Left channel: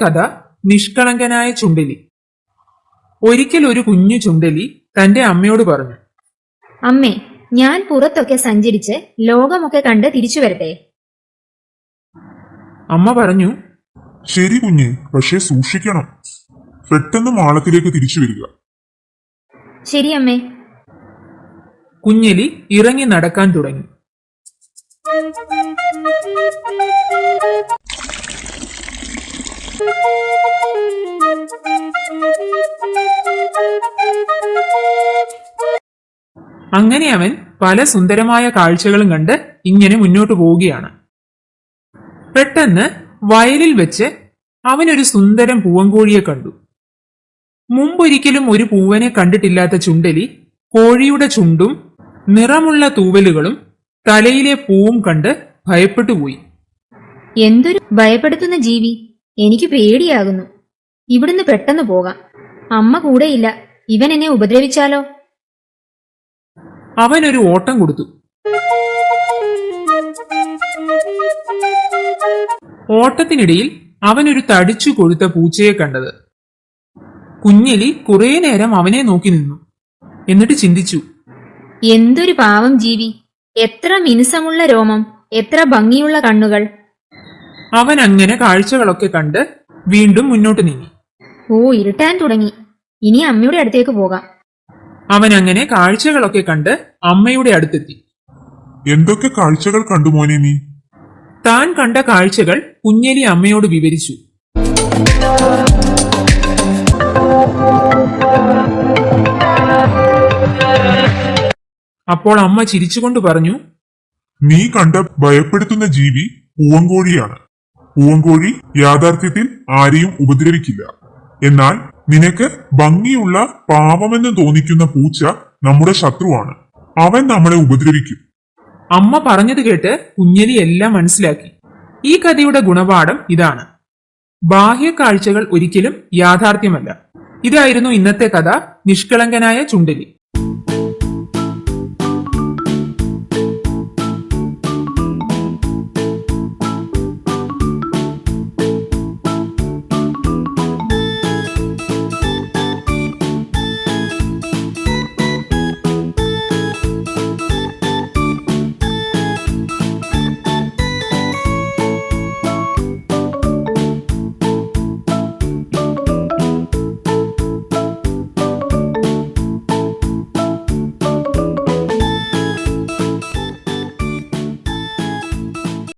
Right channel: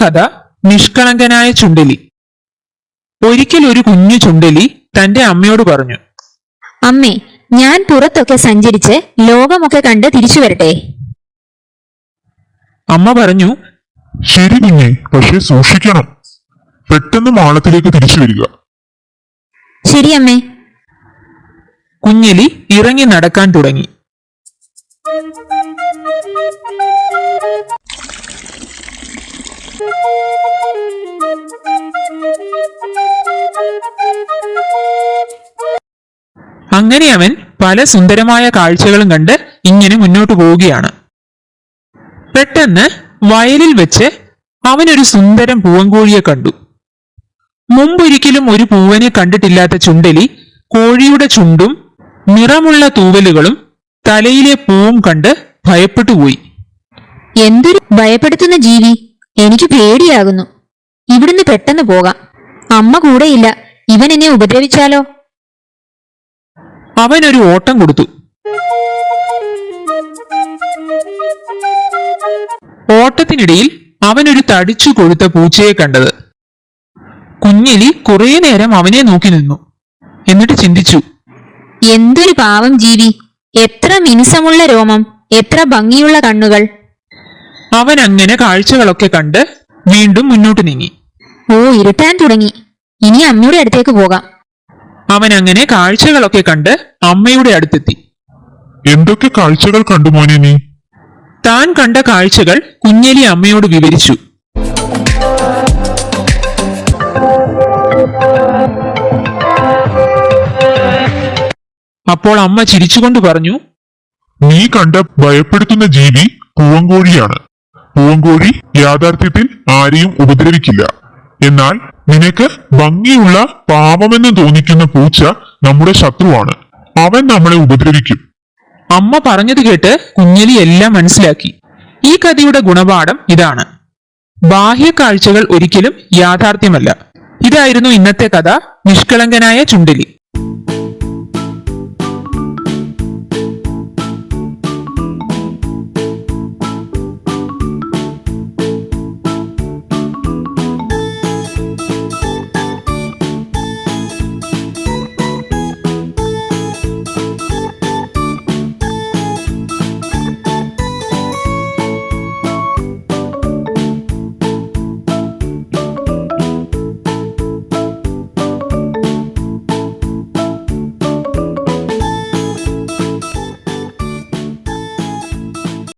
കഥ നിഷ്കളങ്കനായ ചുണ്ടലി. ഒരിക്കൽ ഒരു കുഞ്ഞു ചുണ്ടലി തന്റെ അമ്മയോട് പറഞ്ഞു, അമ്മേ, ഞാൻ പുറത്തൊക്കെ സഞ്ചരിച്ച് ലോകമൊക്കെ കണ്ട് തിരിച്ചു വരട്ടെ. അമ്മ പറഞ്ഞു, ശരി കുഞ്ഞെ, പക്ഷെ സൂക്ഷിക്കണം. പെട്ടെന്ന് മാളത്തിലേക്ക് തിരിച്ചു വരിക. ശരി അമ്മേ. കുഞ്ഞെലി ഇറങ്ങി നടക്കാൻ തുടങ്ങി. അങ്ങനെ അവൻ പല സുന്ദരമായ കാഴ്ചകളും കണ്ട് ഇങ്ങനെ മുന്നോട്ട് പോവുകയാണ്. പെട്ടെന്ന് വയലിൽ വെച്ച് അവനൊരു സുന്ദരം പൂവൻകോഴിയെ കണ്ടു. മുമ്പൊരിക്കലും ഒരു പൂവനെ കണ്ടിട്ടില്ലാത്ത ചുണ്ടലി കോഴിയുടെ ചുണ്ടും നിറമുള്ള തൂവലുകളും തലയിലെ പൂവും കണ്ട് ഭയപ്പെട്ടുപോയി. എന്തൊരു ഭയപ്പെടുത്തുന്ന ജീവി! എനിക്ക് പേടിയാകുന്നു. ഇവിടുന്ന് പെട്ടെന്ന് പോകാം. അമ്മ കൂടെയില്ല. ഇവൻ എന്നെ ഉപദ്രവിച്ചാലോ? അവനൊരു ഓട്ടം കൊടുത്തു. ഓട്ടത്തിനിടയിൽ അവനൊരു തടിച്ചു കൊഴുത്ത പൂച്ചയെ കണ്ടത്. കുഞ്ഞെലി കുറെ നേരം അവനെ നോക്കി നിന്നു. എന്നിട്ട് ചിന്തിച്ചു, എന്തൊരു പാവം ജീവി! എത്ര മിനുസമുള്ള രോമം, എത്ര ഭംഗിയുള്ള കണ്ണുകൾ! അവൻ അങ്ങനെ കാഴ്ചകളൊക്കെ കണ്ട് വീണ്ടും മുന്നോട്ട് നീങ്ങി. ഓ, ഇരുട്ടാൻ തുടങ്ങി. ഇനി അമ്മയുടെ അടുത്തേക്ക് പോകാം. അവൻ അങ്ങനെ കാഴ്ചകളൊക്കെ കണ്ട് അമ്മയുടെ അടുത്തെത്തി. എന്തൊക്കെ കാഴ്ചകൾ കണ്ടു മോനെ നീ? താൻ കണ്ട കാഴ്ചകൾ കുഞ്ഞെലി അമ്മയോട് വിവരിച്ചു. അപ്പോൾ അമ്മ ചിരിച്ചുകൊണ്ട് പറഞ്ഞു, നീ കണ്ട ഭയപ്പെടുത്തുന്ന ജീവി പൂവൻകോഴിയാണ്. പൂവൻകോഴി യാഥാർത്ഥ്യത്തിൽ ആരെയും ഉപദ്രവിക്കില്ല. എന്നാൽ നിനക്ക് ഭംഗിയുള്ള പാവമെന്ന് തോന്നിക്കുന്ന പൂച്ച നമ്മുടെ ശത്രുവാണ്. അവൻ നമ്മളെ ഉപദ്രവിക്കും. അമ്മ പറഞ്ഞത് കേട്ട് കുഞ്ഞെലി എല്ലാം മനസ്സിലാക്കി. ഈ കഥയുടെ ഗുണപാഠം ഇതാണ്: ബാഹ്യ കാഴ്ചകൾ ഒരിക്കലും യാഥാർത്ഥ്യമല്ല. ഇതായിരുന്നു ഇന്നത്തെ കഥ, നിഷ്കളങ്കനായ ചുണ്ടലി.